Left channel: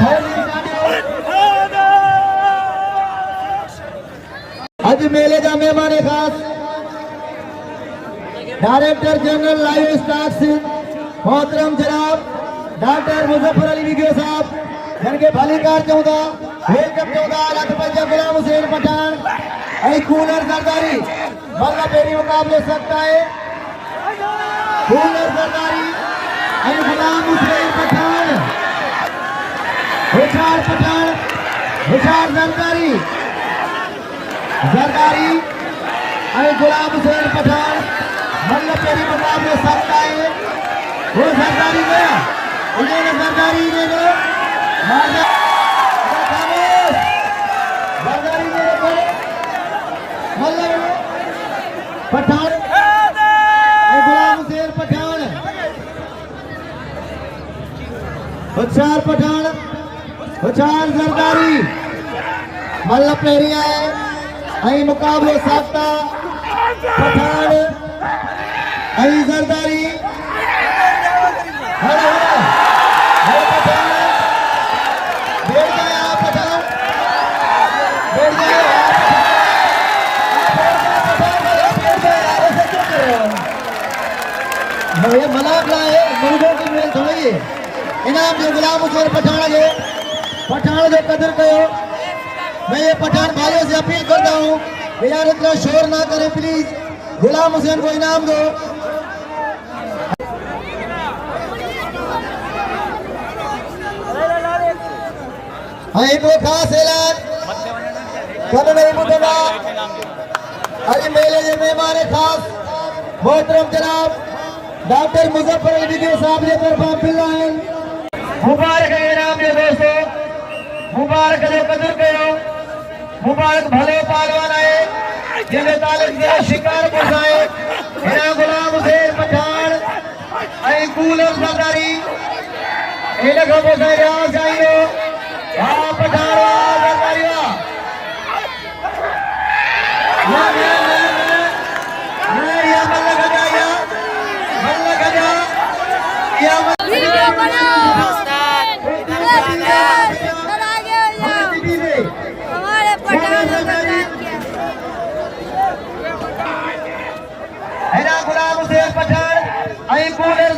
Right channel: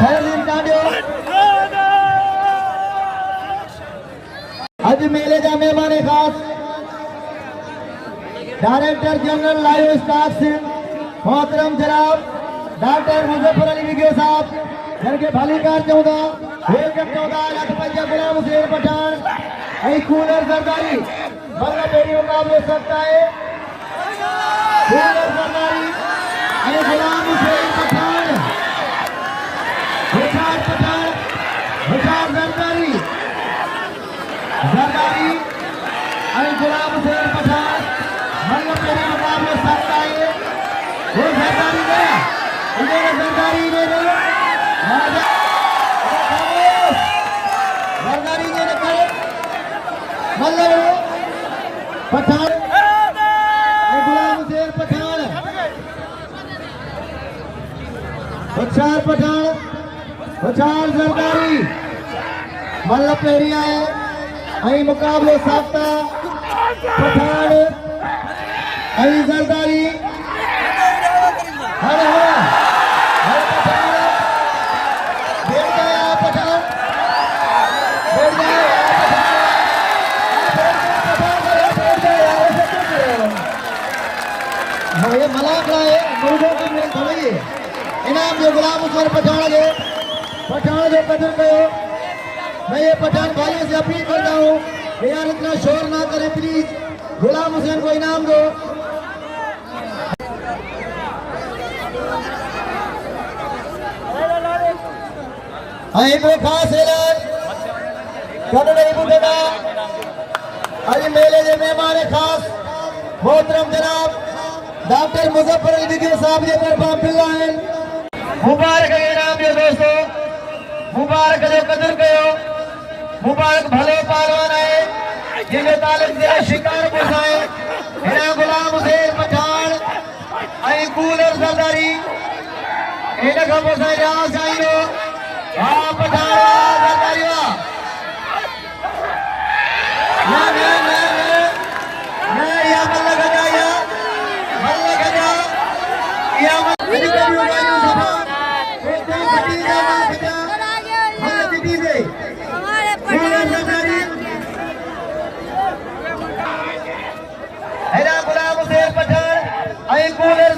आज मेले जा मेहमान खास डायरेक्टर जनरल लाइव स्टॉक मोहतरम जनाब डॉक्टर मुजफ्फर अली विगे साहब जिनके भलीकार चौदा वेलकम चौदा लखपंजा गुलाम हुसैन पठान आई कूलर सरदारी बल्ला बेरी मुकाबले सकता है कूलर सरदारी आई गुलाम हुसैन पठान हुसार पठान हुसार सरदारी सरदारी आई गुलाम हुसैन पठान बल्ला बेरी मुकाबले सकता है वो सरदारी ने उन्होंने सरदारी ने पठान गुलाम हुसैन पठान हुसार पठान हुसार सरदारी मल्ल पेरिया है आई मुकाबले साफ्ता पठान आई सरदारी हर पठान बैठ गए आप पठान बैठ गए ये malakhro है मुर्गों की मीट होगी इनाम जो गुलाम हुसैन पठान जो कदर करो। मैं ये पठान भाइयों से अपील करता हूँ कि यार इतना शोर ना करें प्लीज गुलाम हुसैन को इनाम दो। हाँ एक खास ऐलान कद नहीं बुझेगा अरे मेले के मेहमान खास मोहतरम जनाब डॉक्टर मुजफ्फर अली विगे साहब के तरफा पेहलवान मुबारक इनाम जो दोस्तों मुबारक जो कदर कयो मुबारक भले पहलवान है जिन्हें तालीम से शिकार गुजाए इनाम गुलाम हुसैन पठान आई कूलर सरदारी इन्हें को गुजाए आ जाइए हाँ पठान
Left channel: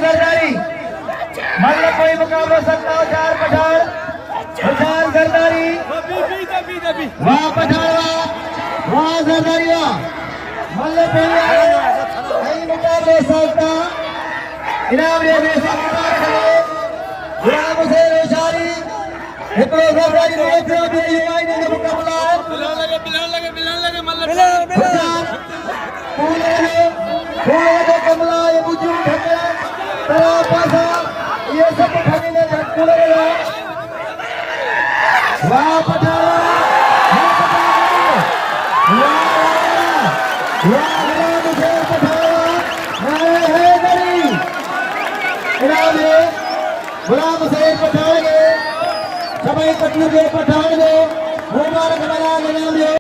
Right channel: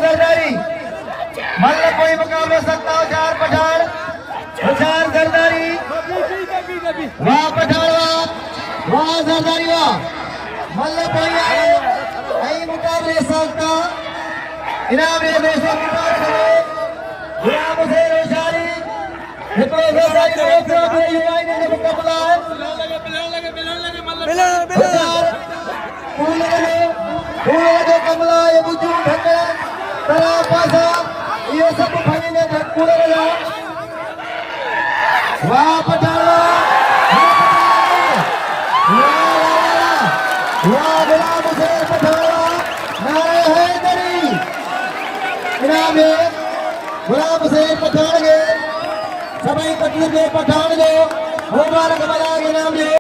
सरदारी कोई मुकाबला सकता हो चार पठान हुसार सरदारी वाह पठान वाह सरदारी वाह मल्ले कोई नहीं मुकाबले सकता इनाम ये देशा गुलाम हुसैन हुसारी हिपरो सरदारी ने देखो भी भाई ने मुकाबला है बिलाल लगे मल्ले पूरे जो कमला ये बुजुर्ग भगला तरा पासा ये सब खाने में कूलर है वाह पठान वाह गुलाम हुसैन पठान नारे हैदरी इनाम है गुलाम हुसैन पठान के सभी कटनी के पठान को मुबारक इनाम है।